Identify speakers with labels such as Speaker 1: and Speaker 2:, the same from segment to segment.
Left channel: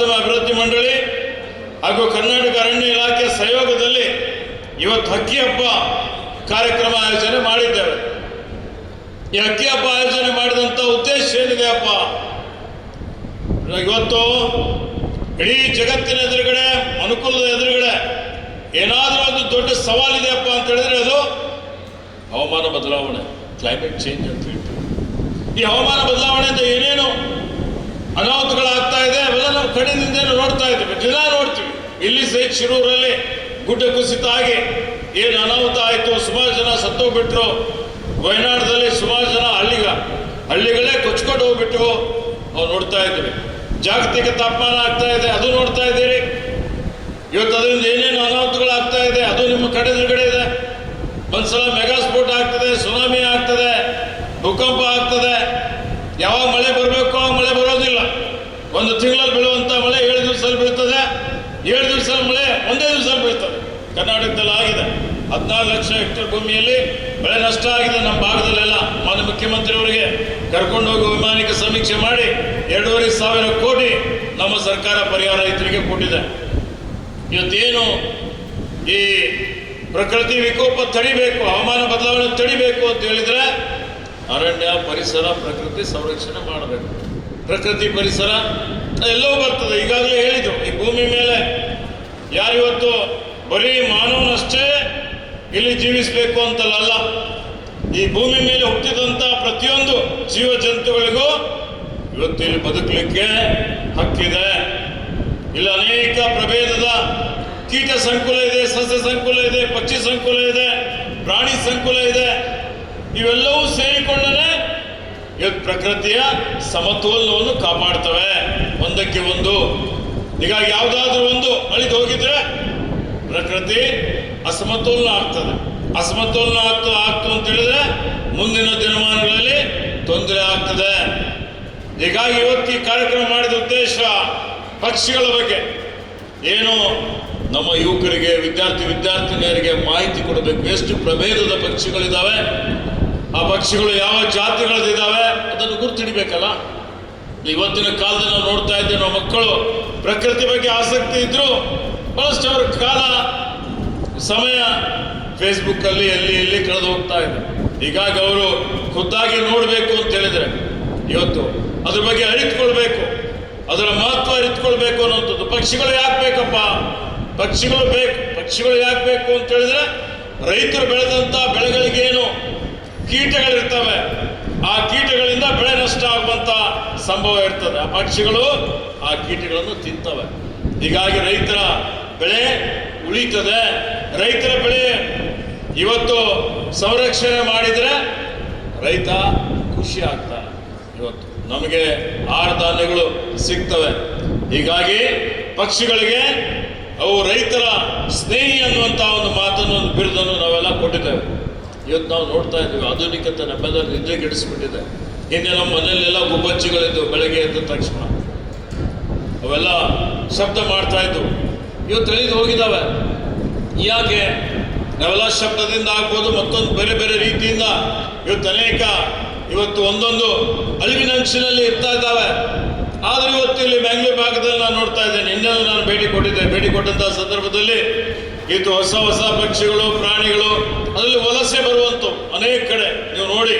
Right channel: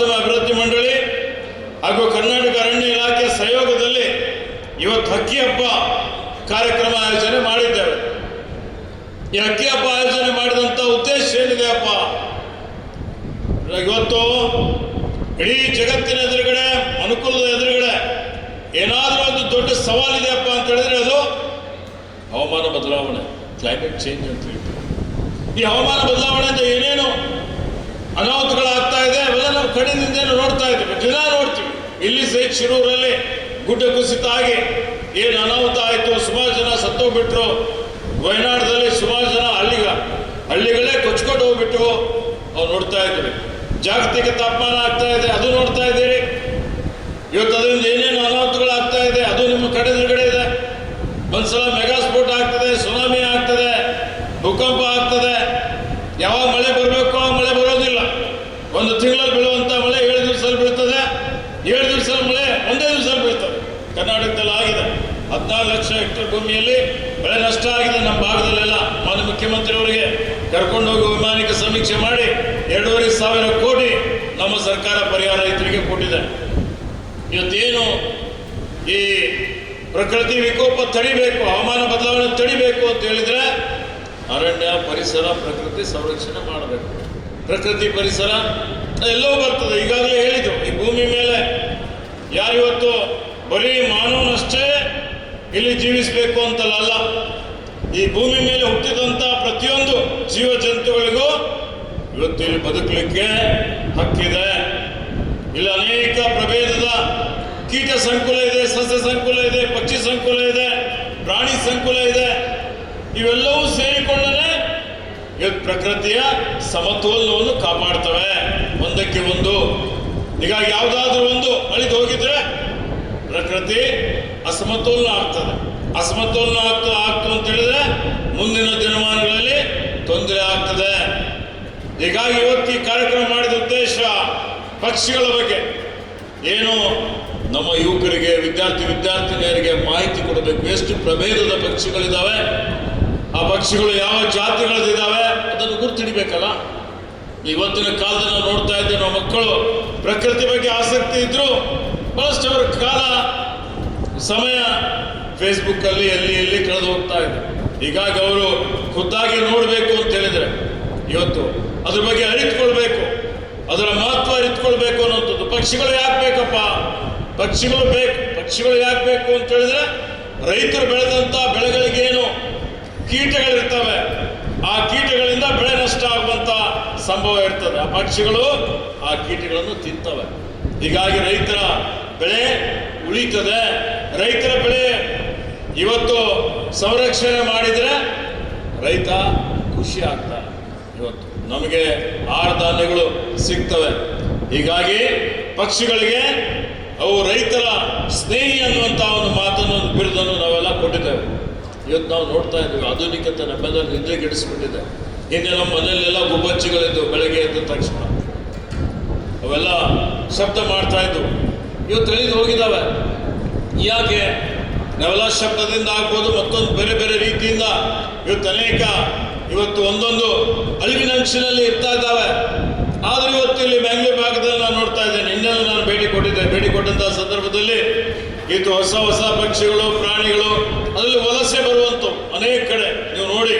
Speaker 1: ಪ್ರವಾಸೋದ್ಯಮ ಅಭಿವೃದ್ಧಿ ಮಂಡಳಿ ಹಾಗೂ ಕರ್ನಾಟಕ ಅರಣ್ಯ ಇಲಾಖೆ ಸಹಯೋಗದಲ್ಲಿ ಇವತ್ತು ಹಕ್ಕಿ ಹಬ್ಬ ಕಾರ್ಯಕ್ರಮ ಆಯೋಜನೆ ಮಾಡಿದ್ದೇವೆ. ಈ ಹಕ್ಕಿ ಹಬ್ಬ ಆಯೋಜನೆ ಮಾಡಿದಂಥ ಉದ್ದೇಶ ಏನಿದೆ ಅಪ್ಪ? ಇವತ್ತು ಇಡೀ ಜಗತ್ತಿನ ಎದುರುಗಡೆ ಅನುಕೂಲದ ಎದುರುಗಡೆ ಏನಾದರೂ ಒಂದು ದೊಡ್ಡ ಸವಾಲಿದೆಯಪ್ಪ ಅಂತ ಹೇಳಿದ್ರೆ ಅದು ಹವಾಮಾನ ಬದಲಾವಣೆ ಕ್ಲೈಮೇಟ್ ಚೇಂಜ್ ಅಂತ ಹೇಳ್ತೀವಿ. ಈ ಹವಾಮಾನ ಬದಲಾವಣೆಯಿಂದ ಏನೇನು ಅನಾಹುತಗಳಾಗ್ತಾ ಇದೆ. ಅವೆಲ್ಲ ನಾವು ಕಡೆಯಿಂದ ನೋಡ್ತಾ ಇದ್ದೀವಿ. ದಿನ ನೋಡ್ತೀವಿ. ಇಲ್ಲಿ ಸಹಿತ ಶಿರೂರಲ್ಲಿ ಗುಡ್ಡ ಕುಸಿತ ಆಗಿ ಏನು ಅನಾಹುತ ಆಯಿತು, ಸುಮಾರು ಜನ ಸತ್ತೋಗ್ಬಿಟ್ರು. ವಯನಾಡದಲ್ಲಿ ಸುಮಾರು ಜನ ಹಳ್ಳಿಗ, ಹಳ್ಳಿಗಳೇ ಕೊಚ್ಕೊಂಡು ಹೋಗ್ಬಿಟ್ಟು ನಾವು ನೋಡ್ತಾ ಇದ್ದೀವಿ. ಜಾಗತಿಕ ತಾಪಮಾನ ಆಗ್ತಾ ಇದೆ. ಅದು ನೋಡ್ತಾ ಇದ್ದೀರಿ. ಇವತ್ತು ಅದರಿಂದ ಏನೇನು ಅನಾಹುತಗಳಾಗ್ತಾ ಇದೆ, ಅದು ನಿಮ್ಮ ಕಡೆ ಎದುರುಗಡೆ ಇದೆ. ಒಂದ್ಸಲ ಮೆಗಾ ಸ್ಫೋಟ ಆಗ್ತದೆ, ಸುನಾಮಿ ಆಗ್ತದೆ, ಭೂಕಂಪ ಆಗ್ತದೆ. ಯಾವಾಗ ಮಳೆ ಬರಬೇಕು ಆ ಮಳೆ ಒಂದು ತಿಂಗಳಲ್ಲಿ ಬೀಳುವಂಥ ಮಳೆ ಏಳು ದಿವಸ ಬೀಳ್ತದೆ, ಏಳು ದಿವಸ ಮಳೆ ಒಂದೇ ದಿವಸ ಬೀಳ್ತದೆ. ಕರ್ನಾಟಕದಲ್ಲಿ ಆಗಿದೆ. ಹದಿನಾರು ಲಕ್ಷ ಹೆಕ್ಟೇರ್ ಭೂಮಿಯಲ್ಲಿ ಬೆಳೆ ನಷ್ಟ ಆಗಿದೆ. ನಮ್ಮ ಭಾಗದಲ್ಲೆಲ್ಲ ಮಾನ್ಯ ಮುಖ್ಯಮಂತ್ರಿಯವರಿಗೆ ಕರ್ಕೊಂಡು ಹೋಗಿ ವೈಮಾನಿಕ ಸಮೀಕ್ಷೆ ಮಾಡಿ ಎರಡೂವರೆ ಸಾವಿರ ಕೋಟಿ ನಮ್ಮ ಸರ್ಕಾರ ಪರಿಹಾರ ರೈತರಿಗೆ ಕೊಟ್ಟಿದೆ. ಇವತ್ತೇನು ಈ ಪ್ರಕೃತಿ ವಿಕೋಪ ತಡಿಬೇಕು, ಹವಾಮಾನ ಬದಲಾವಣೆ ತಡಿಬೇಕು ಅಂತ ಹೇಳಿದ್ರೆ ಅರಣ್ಯ, ಪರಿಸರ, ಪ್ರಕೃತಿ ಸಂರಕ್ಷಣೆ ಮಾಡಬೇಕು. ಪ್ರಕೃತಿ ಪರಿಸರ ಎಲ್ಲವೂ ಬರ್ತದೆ. ಈಗಾಗಲೇ ಹೇಳಿದ್ರು, ಈ ಭೂಮಿ ಮೇಲೆ ಯಾರಿವತ್ತು ಬರೀ ಮಾನವನಷ್ಟೇ ಇಲ್ಲಿ ಜೀವಿಸಬೇಕು ಅಂತಲ್ಲ, ಅಲ್ಲ. ಈ ಭೂಮಿ ಮೇಲೆ ಹುಟ್ಟಿದಂಥ ಪ್ರತಿಯೊಂದು ಜೀವ ಜಂತುಗಳಿಗೂ ಇವತ್ತು ಇಲ್ಲಿ ಬದುಕಲಿಕ್ಕೆ ಹಕ್ಕಿದೆ. ಇಲ್ಲಿ, ಅನೇಕ ಪ್ರಭೇದದ ಕೀಟ ಸಂಕುಲ ಇದೆ, ಸಸ್ಯ ಸಂಕುಲ ಇದೆ, ಪಕ್ಷಿ ಸಂಕುಲ ಇದೆ, ಪ್ರಾಣಿ ಸಂಕುಲ ಇದೆ. ಇವೆಲ್ಲವೂ ಸೇರಿಕೊಂಡನೆ ಇವತ್ತು ಪ್ರಕೃತಿಯ ಸಮತೋಲನವನ್ನು ಕಾಪಾಡ್ತವೆ. ಒಂದಕ್ಕೆ ಒಂದು. ಈಗ ಯಾವುದಾದ್ರೂ ಒಂದು ಅಳಿದು ಹೋಗಿದ್ರೆ ಪ್ರಕೃತಿ ಅಸಮತೋಲನ ಆಗ್ತದೆ. ಅಸಮತೋಲನ ಆಗ್ತು ಆಗ್ತು ಅಂತ ಹೇಳಿದ್ರೆ ಮುಂದಿನ ದಿನಮಾನಗಳಲ್ಲಿ ತೊಂದರೆ ಆಗ್ತದೆ. ಹೀಗಾಗಿ ಇವತ್ತು ಈ ಕಾರ್ಯಕ್ರಮ ಮಾಡಿದ ಉದ್ದೇಶ ಪಕ್ಷಿಗಳ ಬಗ್ಗೆ. ಏನು ನಮ್ಮ ಯುವಕರಿಗೆ, ವಿದ್ಯಾರ್ಥಿ, ವಿದ್ಯಾರ್ಥಿನಿಯರಿಗೆ ಮಾಹಿತಿ ಕೊಡಬೇಕು. ಎಷ್ಟು ಪ್ರಭೇದದ ಪಕ್ಷಿಗಳಿದ್ದಾವೆ ಆ ಪಕ್ಷಿಗಳು ಯಾವ ಜಾತಿಗಳದಿದ್ದಾವೆ ಅದನ್ನು ಗುರುತಿಡಿಬೇಕಲ್ಲ? ಇವತ್ತಿನ ಕಾಲದಲ್ಲಿ ನಾವು ನೋಡ್ತಾ ಇದ್ದೇವೆ, ನಮ್ಮ ಮಕ್ಕಳು ಪ್ರಕೃತಿ ಬಗ್ಗೆ ಆಸಕ್ತಿ ಇದ್ರು ಬಹಳಷ್ಟು ಅವರ ಕಾಲ, ಸಮಯ ಫೇಸ್ಬುಕ್ಕಲ್ಲಿ ಎಲ್ಲಿ ಎಲ್ಲಿ ಕಳೆದು ಹೋಗ್ತಾ ಇದೆ. ಹೀಗಾಗಿ ಅವರು ಖುದ್ದಾಗಿ ನೋಡಬೇಕು ಅಂತ ಹೇಳಿದ್ರೆ, ಇವತ್ತು ಅದ್ರ ಬಗ್ಗೆ ಅರಿತುಕೊಳ್ಬೇಕು, ಅದರ ಮಹತ್ವ ಅರಿತುಕೊಳ್ಬೇಕು ಅನ್ನೋಂಥದ್ದು ಪಕ್ಷಿಗಳು ಯಾಕೆ ಬೇಕಪ್ಪ? ಪಕ್ಷಿಗಳು ಬೇಕು. ಪಕ್ಷಿಗಳು ಯಾಕೆ ಬೇಕು ಅಂತ ಹೇಳಿದ್ರೆ ರೈತರು ಬೆಳೆದಂಥ ಬೆಳೆಗಳಿಗೇನು ಕೀಟಗಳಿರ್ತವೆ. ಆ ಕೀಟಗಳಿಂದ ಬೆಳೆ ನಷ್ಟ ಆಗುವಂತ ಸಂಭವ ಇರ್ತದೆ. ಆ ಪಕ್ಷಿಗಳು ಆ ಕೀಟಗಳನ್ನು ತಿಂತವೆ. ಹೀಗಾಗಿ ರೈತರ ಬೆಳೆ ಉಳಿತದೆ. ರೈತರ ಬೆಳೆ ಇವತ್ತು ಸಂರಕ್ಷಣೆ ಮಾಡಿದರೆ ರೈತ ಖುಷಿ ಆಗ್ತಾನೆ ಇವತ್ತು. ನಮಗೆ ಆಹಾರ ಧಾನ್ಯಗಳು ಸಿಗ್ತವೆ. ಹೀಗಾಗಿ ಪಕ್ಷಿಗಳಿಗೆ ಅವು ರೈತರ ಸ್ನೇಹಿ ಅನ್ನುವಂಥ ಒಂದು ಮಾತನ್ನು ಬಿರುದನ್ನು ನಾವೆಲ್ಲ ಕೊಟ್ಟಿದ್ದೇವೆ. ಇವತ್ತು ನಾವು ನೋಡ್ತಾ ಇದ್ದೀವಿ, ಆಧುನಿಕತೆ ನಮ್ಮೆಲ್ಲರ ನಿದ್ರೆಗೆಡಿಸ್ಬಿಟ್ಟಿದೆ ಹಿಂದೆ ನಮ್ಮ ಮನೆಯಲ್ಲೆಲ್ಲ ಗುಬ್ಬಚ್ಚಿಗಳಿದ್ದವು ಬೆಳಗ್ಗೆ ಎದ್ದ ತಕ್ಷಣ. ಅವೆಲ್ಲ ಶಬ್ದ ಮಾಡ್ತಾ ಇದ್ವು ಇವತ್ತು ಎಳಿದು ಹೋಗಿದ್ದಾವೆ? ಯಾಕೆ ನಾವೆಲ್ಲ ಶಬ್ದದಿಂದ ಆಗ್ಬೋದು ಮತ್ತೊಂದು ಬೇರೆ ಬೇರೆ ರೀತಿಯಿಂದ. ಇವತ್ತು ಅನೇಕ, ಇವತ್ತು ಒಂದೊಂದು ಅಳಿವಿನಂಚಿನಲ್ಲಿ ಇರ್ತಾ ಇದ್ದಾವೆ. ಆದ್ರೆ ಇವತ್ತು ಇಲ್ಲಿ ಬ್ಯಾಂಗ್ಳೂರ್ ಭಾಗದಲ್ಲಿ ನಾನು ನೋಡ್ತಾ ಇದ್ದೇನೆ. ಇನ್ನೆಲ್ಲ ನಾನು ಭೇಟಿ ಕೊಟ್ಟಿದ್ದೆ. ಭೇಟಿ ಕೊಟ್ಟಂತಹ ಸಂದರ್ಭದಲ್ಲಿ ಇವತ್ತು ಹೊಸ ಹೊಸ ಪಕ್ಷಿಗಳು, ಪ್ರಾಣಿಗಳು, ಅದರಲ್ಲಿ ವಲಸೆ ಬರುವಂಥವು ಅನೇಕ ಕಡೆ. ನೀವು ನೋಡಿ,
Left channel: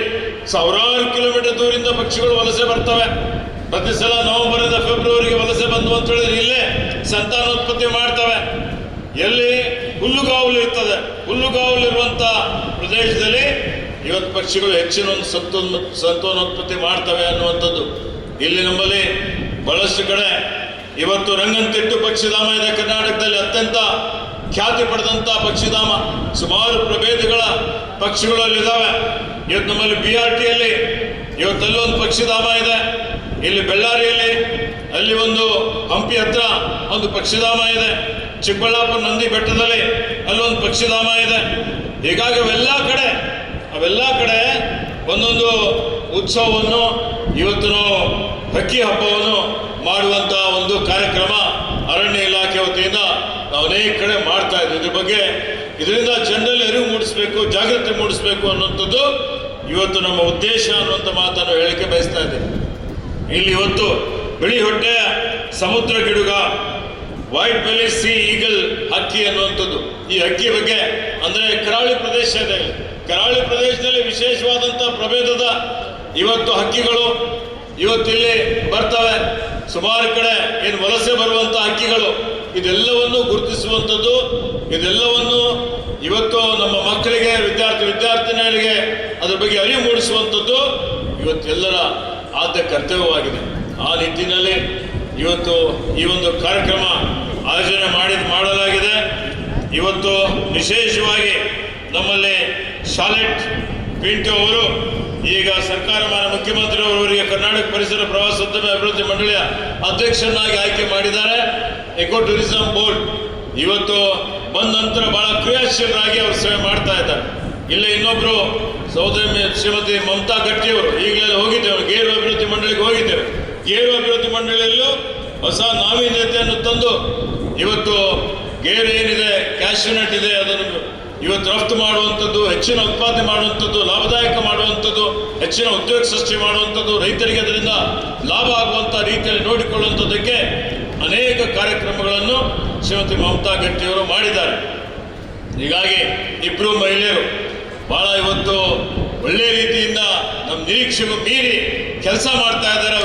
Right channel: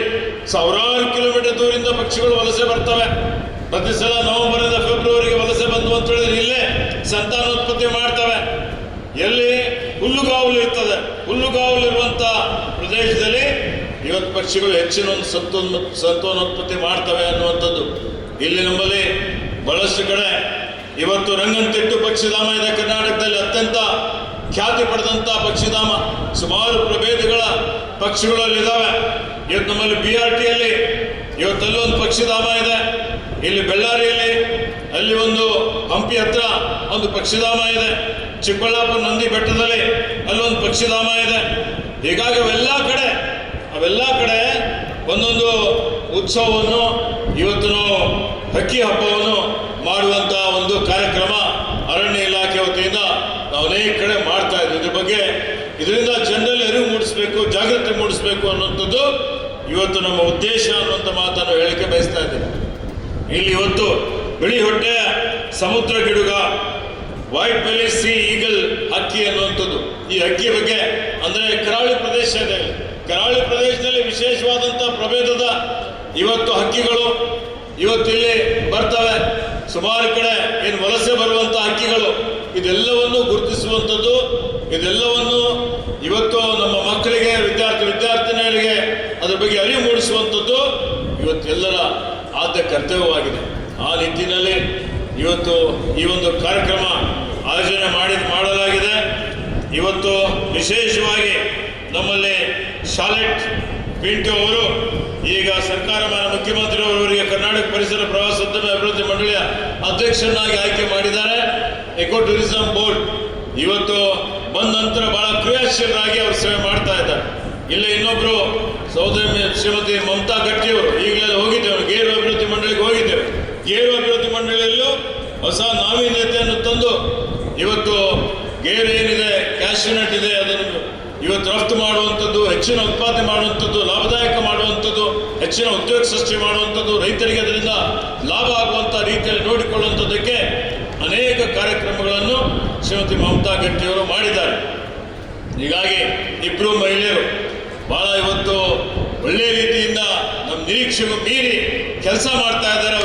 Speaker 1: ಸಾವಿರಾರು ಕಿಲೋಮೀಟರ್ ದೂರಿಂದ ಪಕ್ಷಿಗಳು ವಲಸೆ ಬರ್ತವೆ. ಪ್ರತಿ ಸಲ ನವೆಂಬರಿಂದ ಫೆಬ್ರವರಿಗೆ ವಲಸೆ ಬಂದು ಅಂತ ಹೇಳಿದ್ರೆ ಇಲ್ಲೇ ಸಂತಾನೋತ್ಪತ್ತಿ ಮಾಡ್ತವೆ. ಎಲ್ಲಿ? ಹುಲ್ಲುಗಾವಲು ಇರ್ತದೆ. ಹುಲ್ಲುಗಾವಲಿರುವಂತ ಪ್ರದೇಶದಲ್ಲಿ ಇವತ್ತು ಪಕ್ಷಿಗಳು ಹೆಚ್ಚಿನ ಒಂದು ಸಂತೋನ್ ಸಂತಾನೋತ್ಪತ್ತಿ ಮಾಡ್ತವೆ ಅನ್ನುವಂಥದ್ದು. ಇಲ್ಲಿ ನಮ್ಮಲ್ಲಿ ಬಹಳಷ್ಟು ಕಡೆ ಇವತ್ತು ರಂಗನತಿಟ್ಟು ಪಕ್ಷಿಧಾಮ ಇದೆ ಕರ್ನಾಟಕದಲ್ಲಿ ಅತ್ಯಂತ ಖ್ಯಾತಿ ಪಡೆದಂತ ಪಕ್ಷಿಧಾಮ, ಸುಮಾರು ಪ್ರಭೇದಗಳ ಪಕ್ಷಿಗಳು ಅಲ್ಲಿದ್ದಾವೆ ಇವತ್ತು ನಮ್ಮಲ್ಲಿ ಬಿ ಆರ್ ಟಿಯಲ್ಲಿ ಇವತ್ತಲ್ಲಿ ಒಂದು ಪಕ್ಷಿಧಾಮ ಇದೆ. ಇಲ್ಲಿ ಬೆಳ್ಳಾರಿಯಲ್ಲಿ ಅಲ್ಲಿ ಒಂದು ಹಂಪಿ ಹತ್ರ ಒಂದು ಪಕ್ಷಿಧಾಮ ಇದೆ. ಚಿಕ್ಕಬಳ್ಳಾಪುರ ನಂದಿ ಬೆಟ್ಟದಲ್ಲಿ ಅಲ್ಲೊಂದು ಪಕ್ಷಿಧಾಮ ಇದೆ. ಹೀಗಾಗಿ ಅವೆಲ್ಲ ಕಡೆ ಅವೆಲ್ಲ ಕಡೆ ಒಂದೊಂದು ಉತ್ಸವವನ್ನು ಇವತ್ತು ಹಕ್ಕಿ ಹಬ್ಬವನ್ನು ಮಾಡುವಂತ ಒಂದು ಕಾರ್ಯಕ್ರಮ ಅರಣ್ಯ ಇಲಾಖೆ ವತಿಯಿಂದ ಅನೇಕ ಕಡೆ ಮಾಡ್ತಾ ಇದ್ದೀವಿ ಇದ್ರ ಬಗ್ಗೆ ಇದರಿಂದ ಜನರಲ್ಲಿ ಅರಿವು ಮೂಡಿಸಬೇಕು, ಜಾಗೃತಿ ಮೂಡಿಸಬೇಕು ಅನ್ನುವಂಥದ್ದು ಇವತ್ತು ನಮ್ಮ ಉದ್ದೇಶ ಅನ್ನುವಂಥ ಮಾತನ್ನು ಹೇಳಿಕೆ ಬಯಸ್ತಾ ಇದ್ದೇನೆ. ಇಲ್ಲಿ ಇವತ್ತು ಬಿಳಿ ಹೊಟ್ಟೆ ಸಮುದ್ರ ಗಿಡುಗ ವೈಟ್ ಬೆಲಿ ಸಿ ಈಗಲ್ ಹಕ್ಕಿ ಅನ್ನುವಂಥದ್ದು. ಈ ಹಕ್ಕಿ ಬಗ್ಗೆ ಅಂದ್ರೆ ಕರಾವಳಿ ಪ್ರದೇಶ ಇದೆ ಕರಾವಳಿ ಪ್ರದೇಶದಲ್ಲಿ ವಿಶೇಷವಾದಂಥ ಪ್ರಭೇದದ ಇವತ್ತು ಹಕ್ಕಿಗಳು ಇವತ್ತಿಲ್ಲಿ ಬರ್ತವೆ. ಸುಮಾರು ಕಡೆ ಏನು ವಲಸೆ ಬರುವಂಥ ಹಕ್ಕಿಗಳು ಇದೆಲ್ಲವನ್ನು ಗುರುತಿಸುವಂಥದ್ದು, ಇದೆಲ್ಲವನ್ನು ಇವತ್ತು ನಮ್ಮ ಮಕ್ಕಳಿಗೆ, ವಿದ್ಯಾರ್ಥಿ ವಿದ್ಯಾರ್ಥಿನಿಯರಿಗೆ ಅದರ ಬಗ್ಗೆ ಅರಿವು ಮೂಡಿಸುವಂಥದ್ದು ಇವತ್ತೆಲ್ಲರ ಆದ್ಯ ಕರ್ತವ್ಯವಾಗಿದೆ. ಆ ನಿಟ್ಟಿನಲ್ಲಿ ಇವತ್ತು ಈ ಒಂದು ಕಾರ್ಯಕ್ರಮ ಆಯೋಜನೆ ಮಾಡಿ, ಮಾಡಲಾಗಿದೆ. ಇವತ್ತು ವಿಶೇಷವಾಗಿ ನಮ್ಮಲ್ಲಿ ಶಾಲೆಟ್ ಪಿಂಟು ಅವರು, ಈಗ ಸರ್ಕಾರ ಮುಖ್ಯಮಂತ್ರಿ ಅವರಿಗೆ ಕರ್ನಾಟಕ ಪರಿಸರ ಪ್ರವಾಸೋದ್ಯಮ ಅಭಿವೃದ್ಧಿ ಮಂಡಳಿಯ ಅಧ್ಯಕ್ಷನಾಗಿ ಆಯ್ಕೆ ಮಾಡಿದ್ದಾರೆ. ಎಕೋ ಟೂರಿಸಂ ಬೋರ್ಡ್ ಇವತ್ತು ಬಂದ ನಂತರ ಬಹಳ ಕ್ರಿಯಾಶೀಲರಾಗಿ ಅವರು ಸೇವೆ ಮಾಡ್ತಾ ಇದ್ದಾರೆ. ಇಲ್ಲಿ ಇನ್ನೊಬ್ರು ಸಹೋದರಿ ಶ್ರೀಮತಿ ಮಮತಾ ಗಟ್ಟಿಯವರು, ಈಗಲೇ ಹೋಗಿದ್ದೇವೆ. ಗೇರು ಅಭಿವೃದ್ಧಿ ಮಂಡಳಿಗೆ ಹೋಗಿದ್ದೇವೆ. ಗೇರು ಅಭಿವೃದ್ಧಿ ಮಂಡಳಿಯಲ್ಲೂ ಹೊಸ ನಾವೀನ್ಯತೆಯನ್ನು ತಂದು ಇವತ್ತು ಗೇರು ಏನಿದೆ ಕ್ಯಾಶ್ಯೂನಟ್ ಇದೆ, ಅದನ್ನು ಇವತ್ತು ರಫ್ತು ಮಾಡುವಂಥದ್ದು, ಹೆಚ್ಚಿನ ಉತ್ಪಾದನೆ ಮಾಡುವಂಥದ್ದು, ಲಾಭದಾಯಕ ಮಾಡುವಂಥದ್ದು, ಹೆಚ್ಚಿನ ಉದ್ಯೋಗ ಸೃಷ್ಟಿ ಮಾಡುವಂಥದ್ದು ರೈತರಿಗೆ ಅದರಿಂದ ಲಾಭ ಆಗುವಂಥ ರೀತಿಯಲ್ಲಿ ನೋಡಿಕೊಳ್ಳುವಂಥದ್ದಕ್ಕೆ ಅನೇಕ ಕಾರ್ಯಕ್ರಮಗಳನ್ನು ಶ್ರೀಮತಿ ಮಮತಾ ಗಟ್ಟಿಯವರು ಮಾಡಿದ್ದಾರೆ. ಹೀಗಾಗಿ ಇಬ್ಬರು ಮಹಿಳೆಯರು ಬಹಳ ಇವತ್ತು ಒಳ್ಳೆ ರೀತಿಯಿಂದ ನಮ್ಮ ನಿರೀಕ್ಷೆಗೂ ಮೀರಿ ಕೆಲಸ ಮಾಡ್ತಾ ಇದ್ದಾರೆ.